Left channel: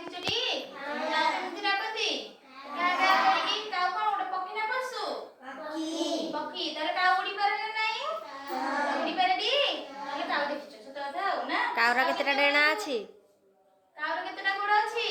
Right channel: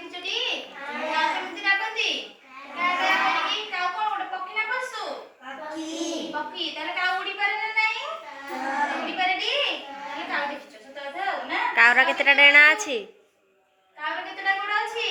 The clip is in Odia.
ଦେଖିଛଟି? କାଉ କେମିତି ଡାକନ୍ତି? କା କା କରିକି। କାଉ କଣ ଗୋଟେ ପକ୍ଷୀ ନା ପଶୁ? ପକ୍ଷୀ। ତାହେଲେ କାଉ ଉଡି ପାରେ ନା ନାହିଁ? ଉଡି ପାରେଟି? ତାହେଲେ କାଉ ଦେଖିଛ, ସତ କଥା ଆଉ ନା। କାଉର କେତେଟା ଡେଣା ଅଛି? କାଉର କେତେଟା ଗୋଡ଼ ଅଛି?